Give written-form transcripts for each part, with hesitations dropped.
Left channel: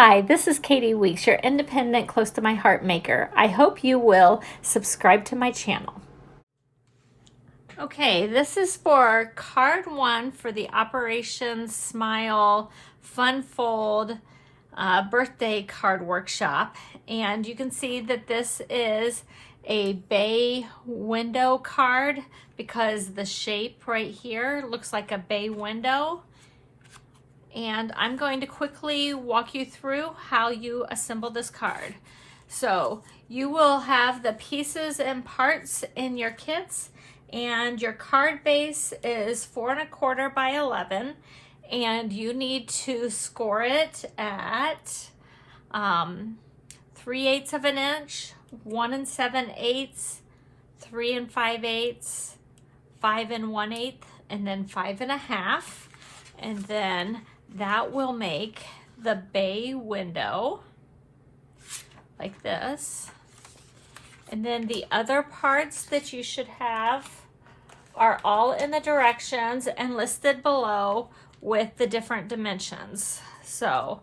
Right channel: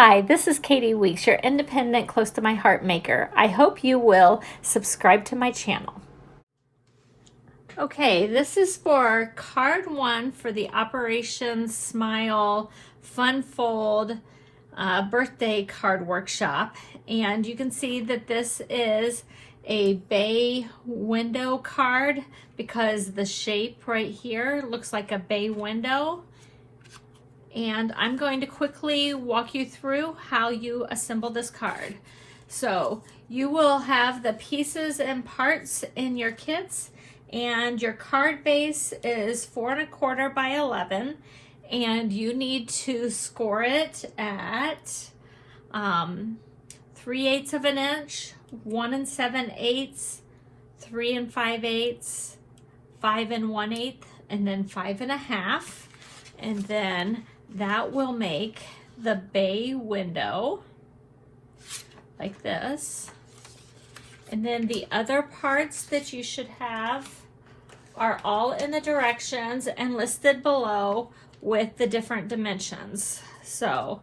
Hi, this is Katie Weeks, your independent, close to my heart maker. I hope you will subscribe to my channel. Okay, this is for card 1 for the Operation Smile Fun Fold birthday card workshop. And you can see that this is a bay window card because the shape right here looks like a bay window. And I'm going to quickly walk you through how you assemble this card. So you will have the pieces and parts in your kits, and your card base is 4 1/4 by 11, and you need to score it at 3/8 of an inch, 1 7/8, 3 5/8, 5 1/8, and then 5 1/2, and then that will make the bay window like this. And then the other parts that you should have are all in the directions and listed below with the different dimensions. So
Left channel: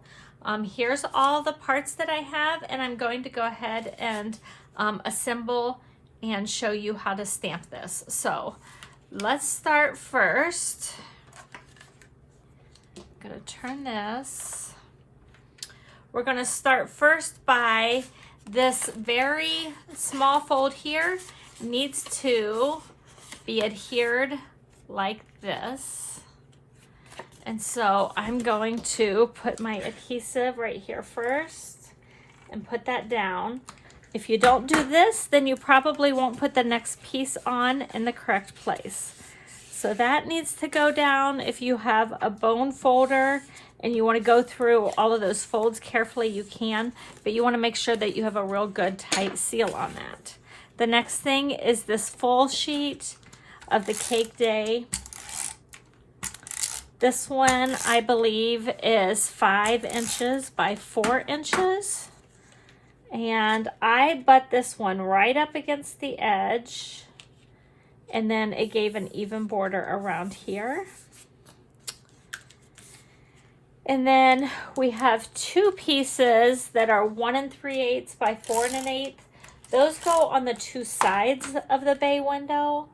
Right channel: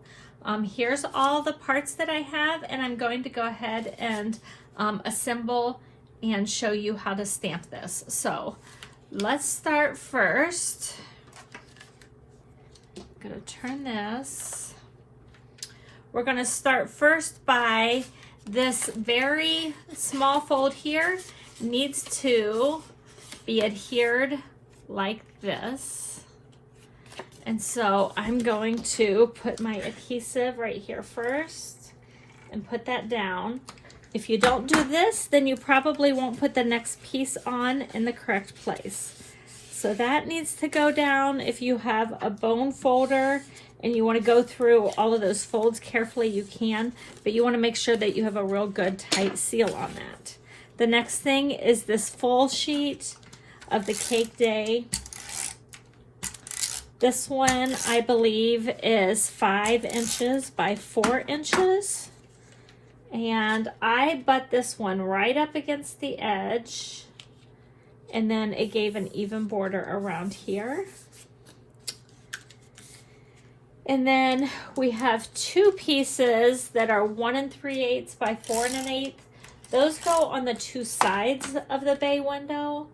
here's all the parts that I have, and I'm going to go ahead and assemble and show you how to stamp this. So let's start first. I'm going to turn this. We're going to start first by this very small fold here needs to be adhered like this. And so I'm going to put my adhesive right here first and put that down. If you don't do this, then you probably won't put the next piece on in the correct place. So that needs to go down. If you have a bone folder and you want to go through all of those folds carefully, you can, but you want to make sure that you have a real good tight seal on that. The next thing is this full sheet of the Cake Day. This one, I believe, is 5 inches by 4 inches. And I butt this one right up against the edge. And then it gave an even border around here. And then we have 2 pieces that are 1 3/8 by 4 1/8. Those go on the 2 sides of the bay window.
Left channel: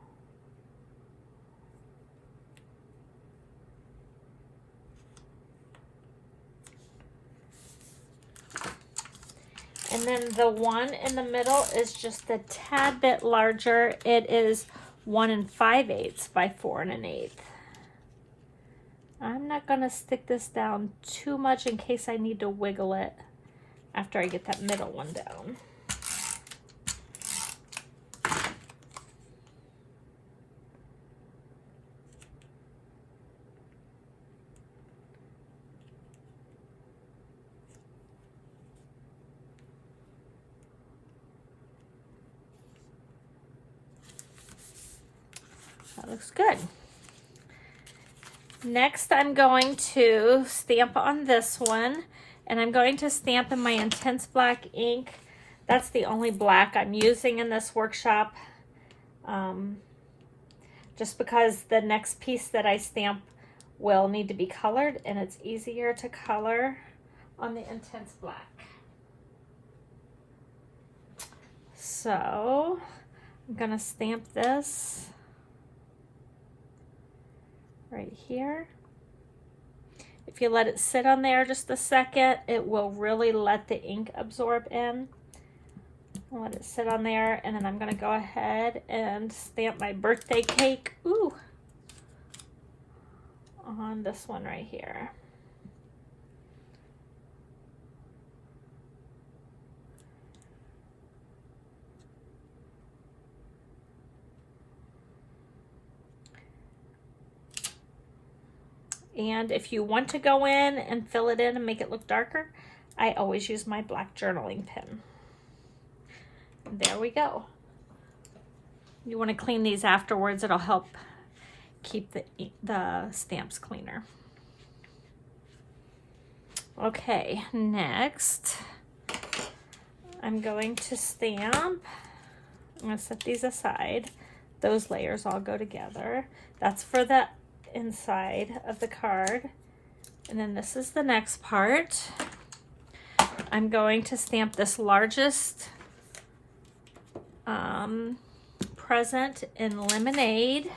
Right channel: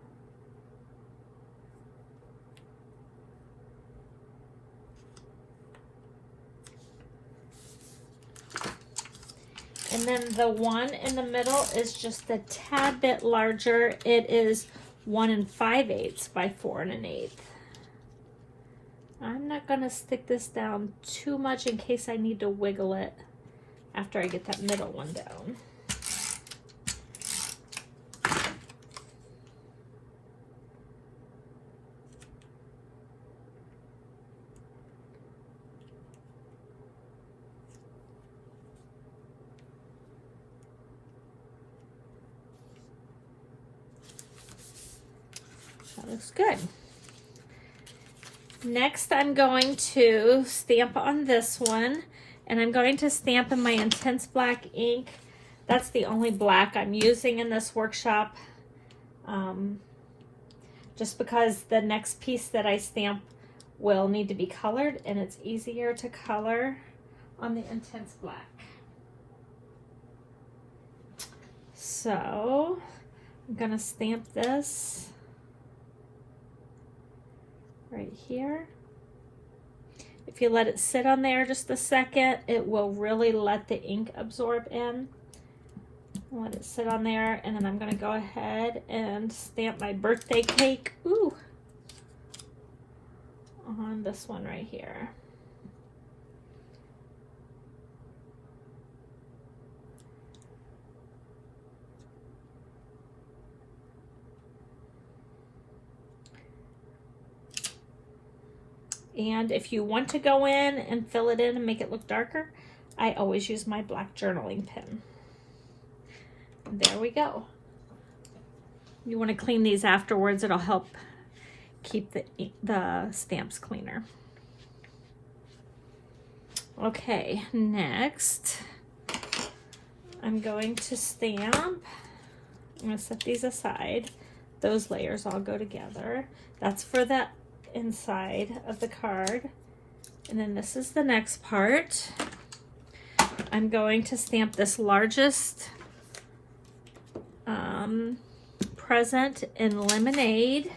And then the one in the middle is just a tad bit larger. It is 1 5/8 by 4 1/8. I'm not going to stick this down too much in case I need to wiggle it after I get that middle one down. That looks good. Next, I'm going to stamp on this one, and I'm going to stamp in my Intense Black ink. That's the only black I'm using in this workshop, just because the next piece that I stamp will need to be colored, and it's easier to color on the Intense Black. So I'm going to stamp this right here. If you let it sit on there just a second, it will really let the ink absorb in. I'll let it sit on there, and then I'm going to go ahead and stamp my birthday cake on this one right here. And if you want to go in and fill it in and make it look darker, I always use my black journaling pen. And there we go. You want to clean these afterwards. It'll help keep the stamps cleaner. Okay, next I'm going to stamp. I'm going to set these aside. Those layers all go together. That's for the inside of the card. And then this is the next part. I'm going to stamp this largest present in Lemonade.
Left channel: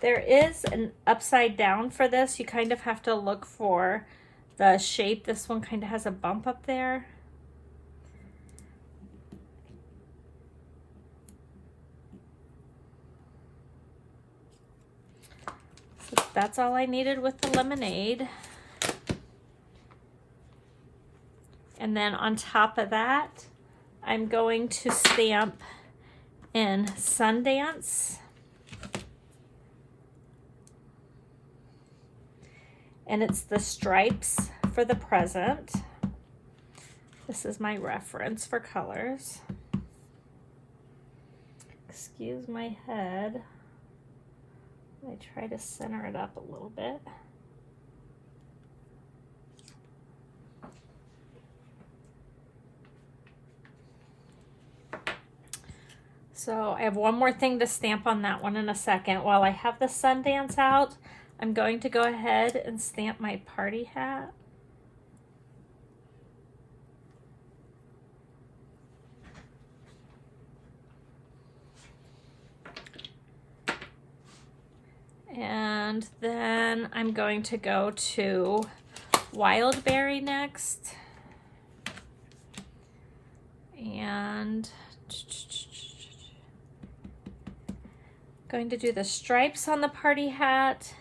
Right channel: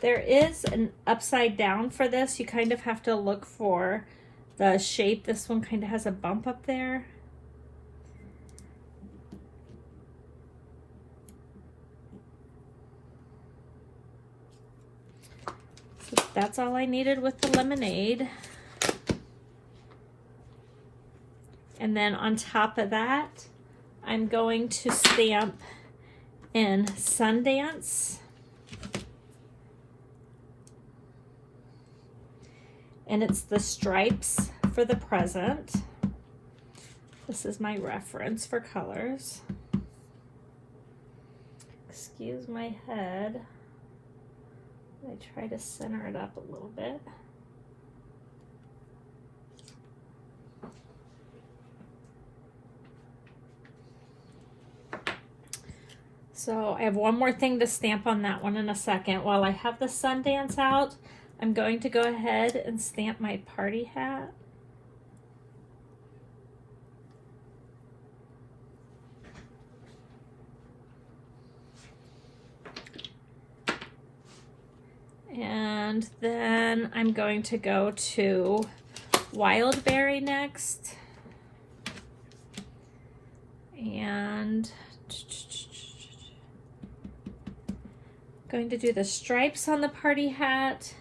There is an upside down for this. You kind of have to look for the shape. This one kind of has a bump up there. So that's all I needed with the Lemonade. And then on top of that, I'm going to stamp in Sundance. And it's the stripes for the present. This is my reference for colors. Excuse my head. I try to center it up a little bit. So I have one more thing to stamp on that one in a second. While I have the Sundance out, I'm going to go ahead and stamp my party hat. And then I'm going to go to Wildberry next. And going to do the stripes on the party hat.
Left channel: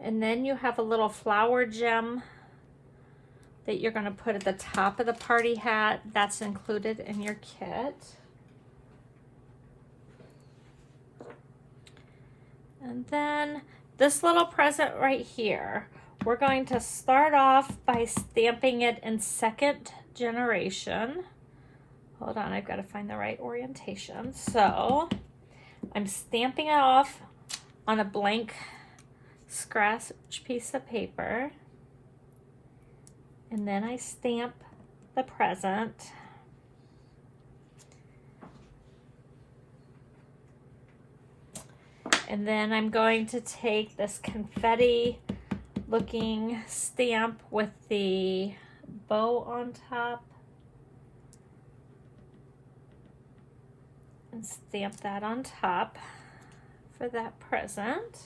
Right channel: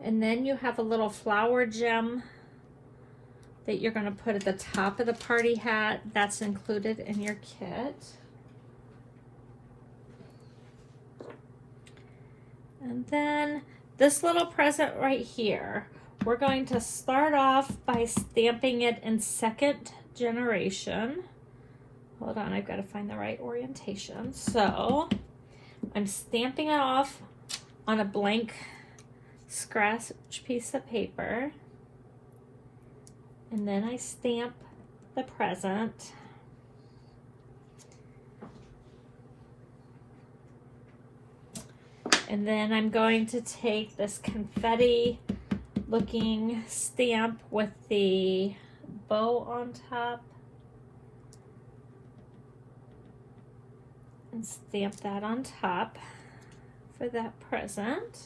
And then you have a little flower gem that you're going to put at the top of the party hat. That's included in your kit. And then this little present right here, we're going to start off by stamping it in second generation. Hold on, I've got to find the right orientation. So I'm stamping it off on a blank scratch piece of paper, and then I stamp the present. And then I'm going to take this confetti looking stamp with the bow on top and stamp that on top for that present.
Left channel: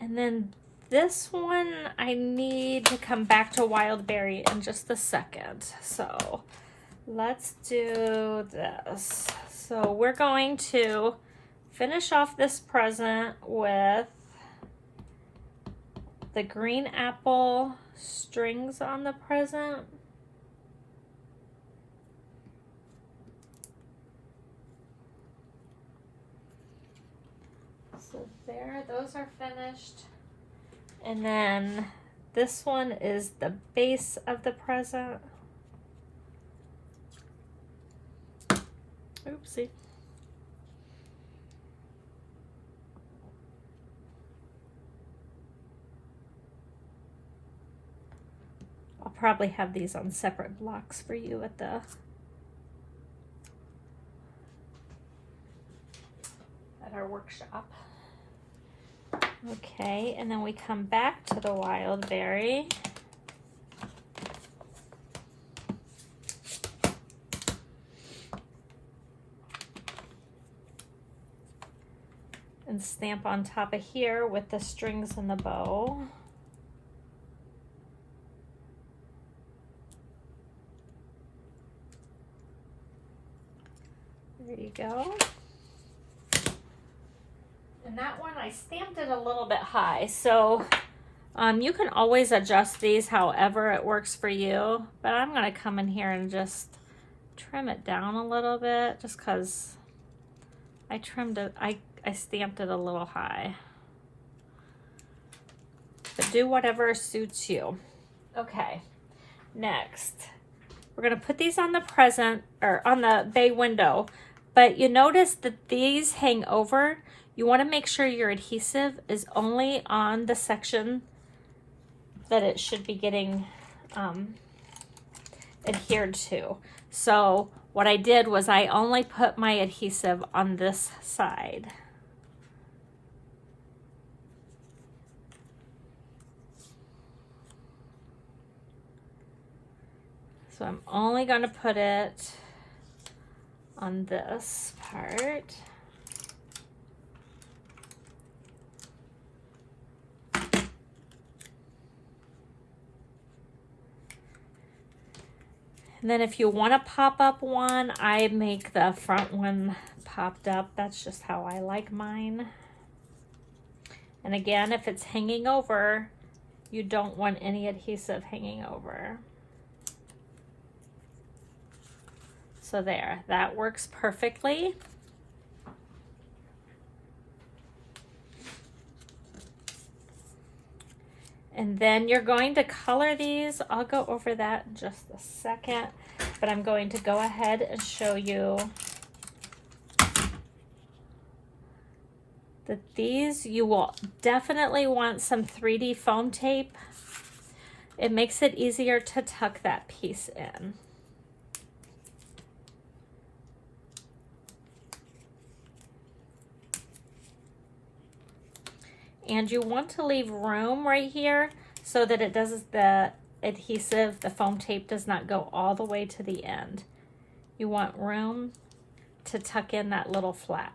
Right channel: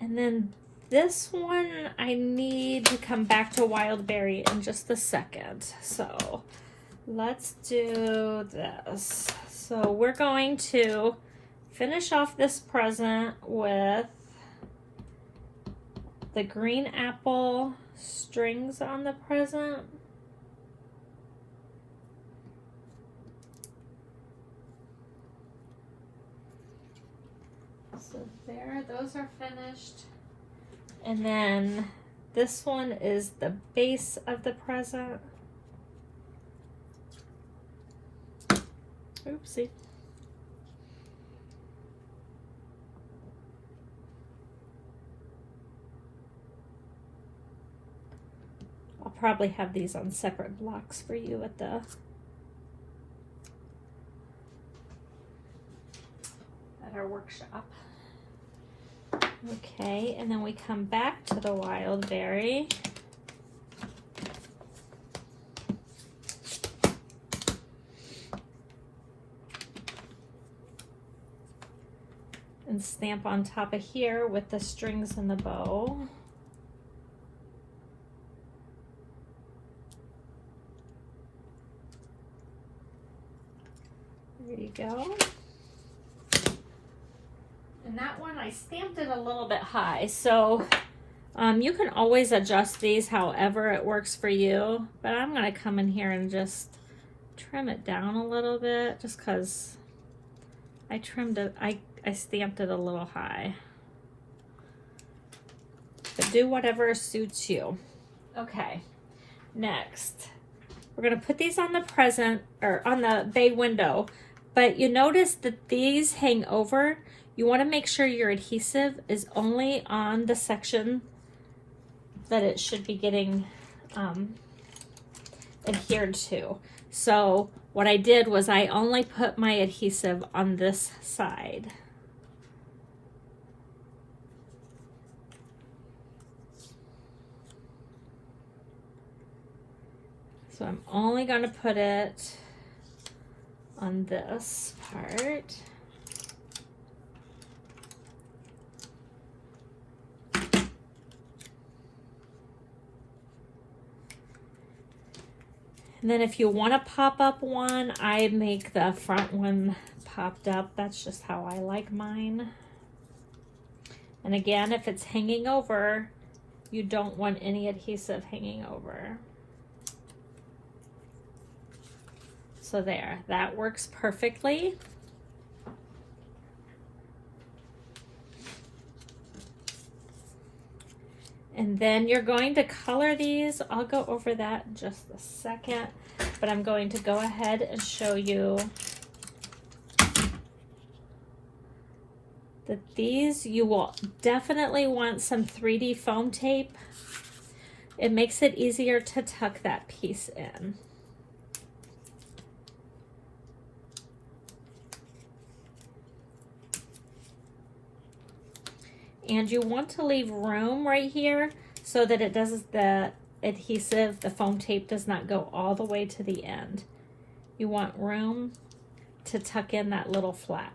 And then this one, I need to come back to Wildberry in just a second. So let's do this. So we're going to finish off this present with the green apple strings on the present. So there, those are finished. And then this one is the base of the present. Oopsie. I'll probably have these on separate blocks for you at our workshop. Okay, and then we come back to the Wildberry. And stamp on top of here with the strings and the bow. There you go. And that one, I stamped it a little bit high, so you can always adjust these however it works for you, but I'm going to come in here and just trim it down a little bit, just because I trimmed it, I stamped it a little high. But do whatever suits you. Okay, next, we're going to put these on the present, or on the bay window, but you notice that these hang over. You want to make sure your adhesive is only on the section that it should be getting adhered to. So what I did was I only put my adhesive on this side. So I'm only going to put it on this part. And then if you want to pop up one, I make the front one popped up. That's just how I like mine. And again, if it's hanging over, you don't want any adhesive hanging over. So there, that works perfectly. And then you're going to color these. I'll go over that in just a second, but I'm going to go ahead and show you that these, you will definitely want some 3D foam tape. It makes it easier to tuck that piece in. And you want to leave room right here so that it does, the adhesive, the foam tape does not go all the way to the end. You want room to tuck in that little flap.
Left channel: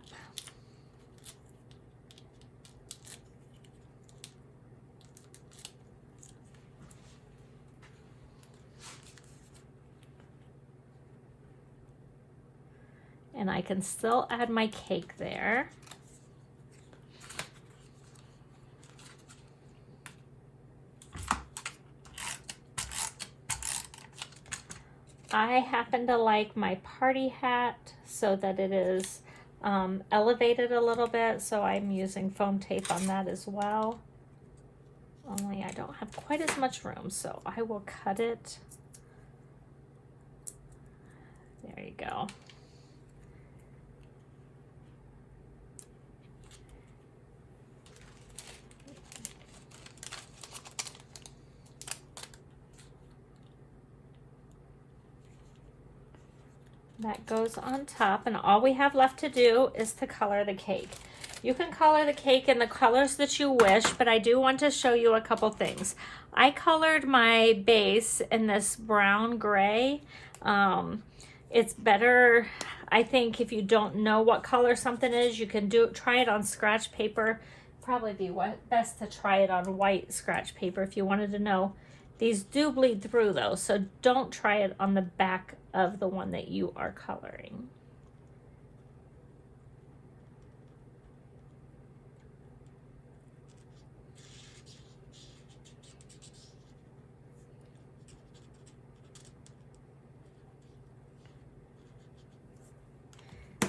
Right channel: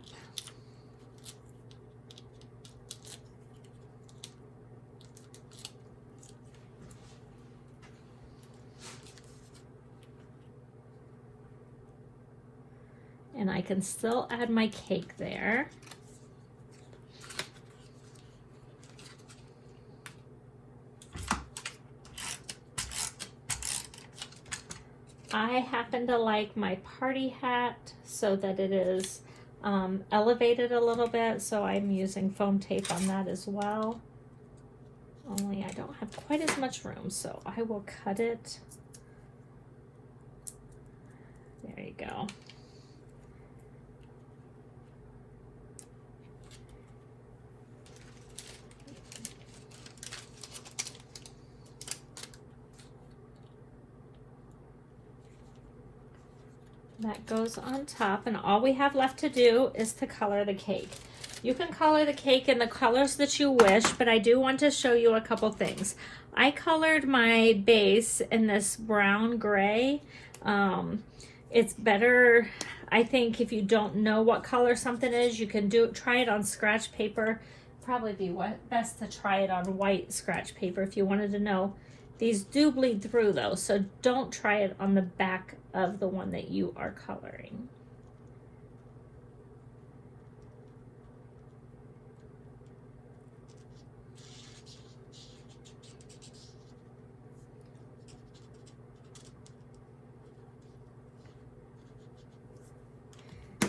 And I can still add my cake there. I happen to like my party hat so that it is elevated a little bit, so I'm using foam tape on that as well. Only I don't have quite as much room, so I will cut it. There you go. That goes on top, and all we have left to do is to color the cake. You can color the cake in the colors that you wish, but I do want to show you a couple things. I colored my base in this brown gray. It's better, I think, if you don't know what color something is, you can try it on scratch paper. Probably be best to try it on white scratch paper if you wanted to know. These do bleed through though, so don't try it on the back of the one that you are coloring.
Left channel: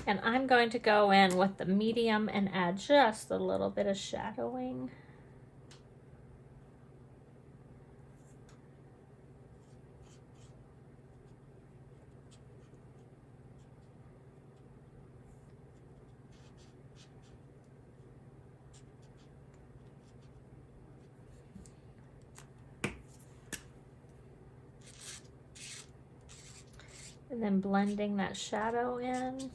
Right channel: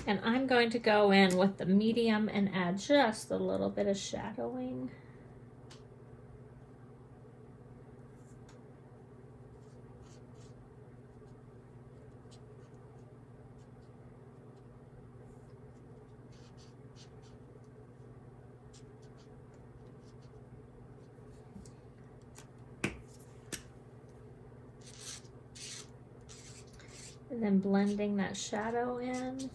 And I'm going to go in with the medium and add just a little bit of shadowing. And then blending that shadow in.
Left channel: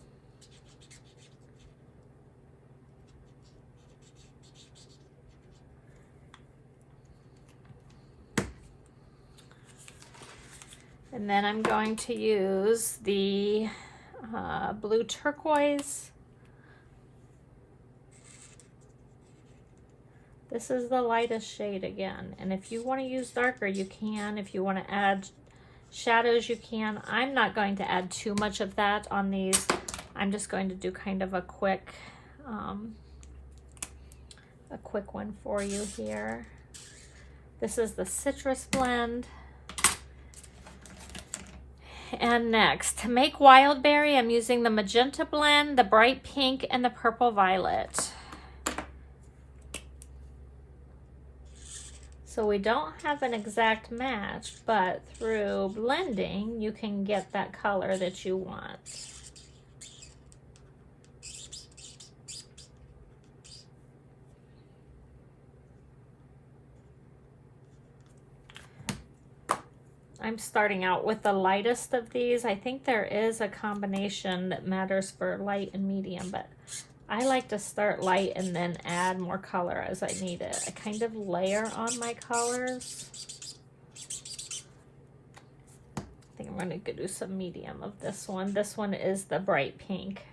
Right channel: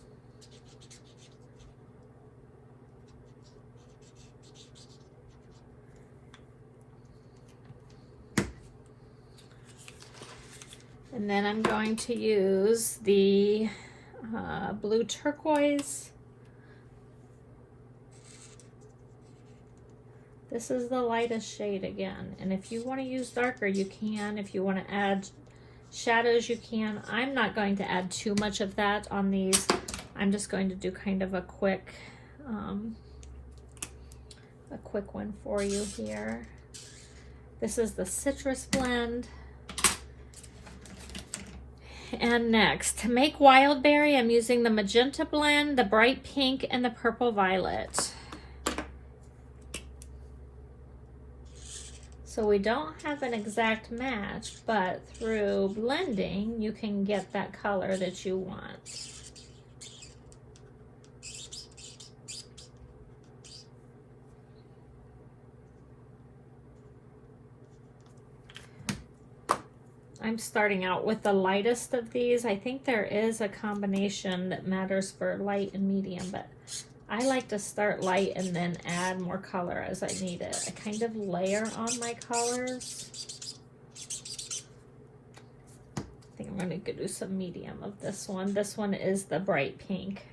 And then I'm going to use the blue turquoise. This is the lightest shade again. And if you want to use darker, you can. If you want to add shadows, you can. I'm not going to add too much of that on these. I'm just going to do kind of a quick one for you here. This is the citrus blend. And next, to make Wildberry, I'm using the Magenta blend, the bright pink, and the purple violet. So we don't have an exact match, but through blending, you can get that color that you want. I'm starting out with the lightest of these. I think there is a combination that matters for light and medium, but I like to start light and then add more color as I need it. I kind of layer on my colors. I think I'm going to do some medium of this one. This one is the bright pink.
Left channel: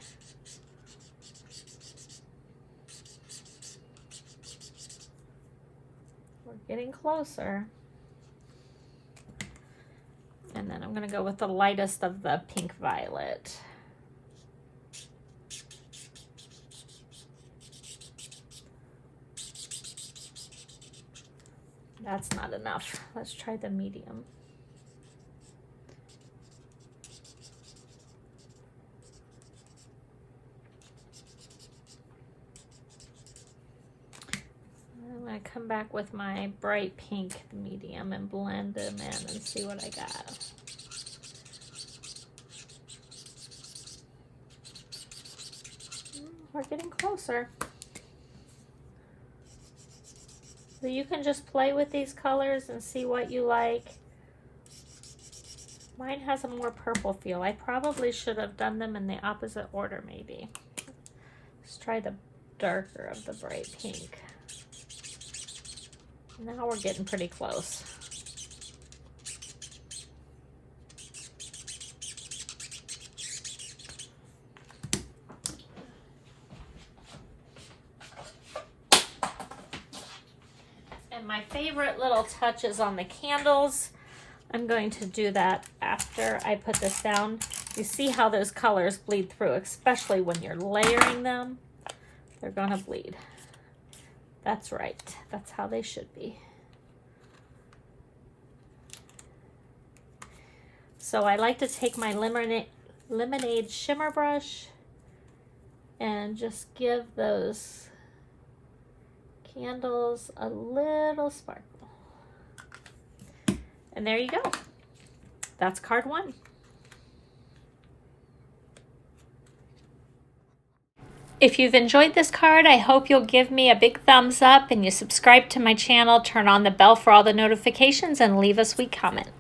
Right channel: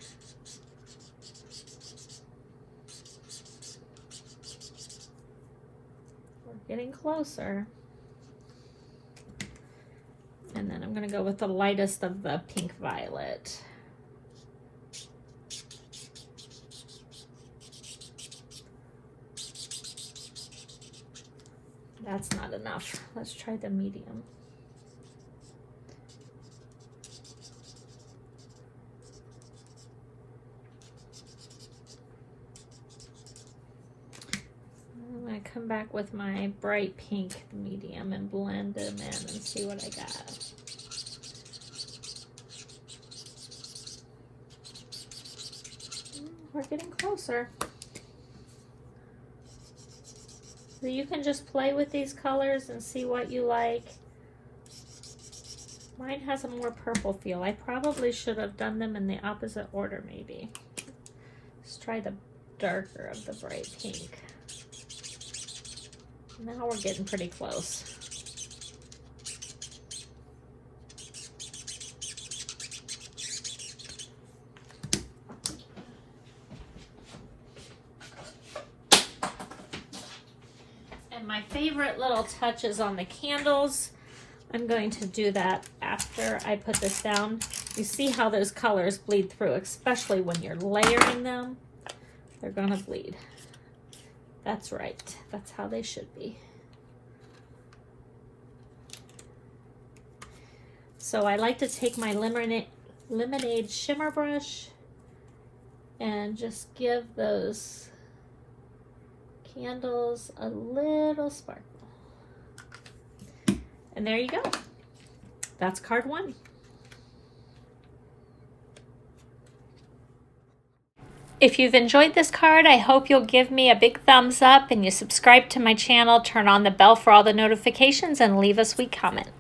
We're getting closer. And then I'm going to go with the lightest of the pink violet. That's not enough. Let's try the medium. I'm going to come back with my bright pink medium and blend them in and see what I got. We're getting closer. So you can just play with these colors and see what you like. Mine has a more purple feel. I probably should have done them in the opposite order maybe. Let's try the darker of the bright pink. Now we're getting pretty close. And my favorite little touch is on the candles. I'm going to do that after I put this down. You see how those colors bleed through, especially when you're layering them. They're gonna bleed. That's right. That's how they should be. So I like to take my lemonade shimmer brush and just give those candles a little sparkle. And there you go. That's card 1. If you've enjoyed this card, I hope you'll give me a big thumbs up and you subscribe to my channel, turn on the bell for all the notifications, and leave a sweet comment.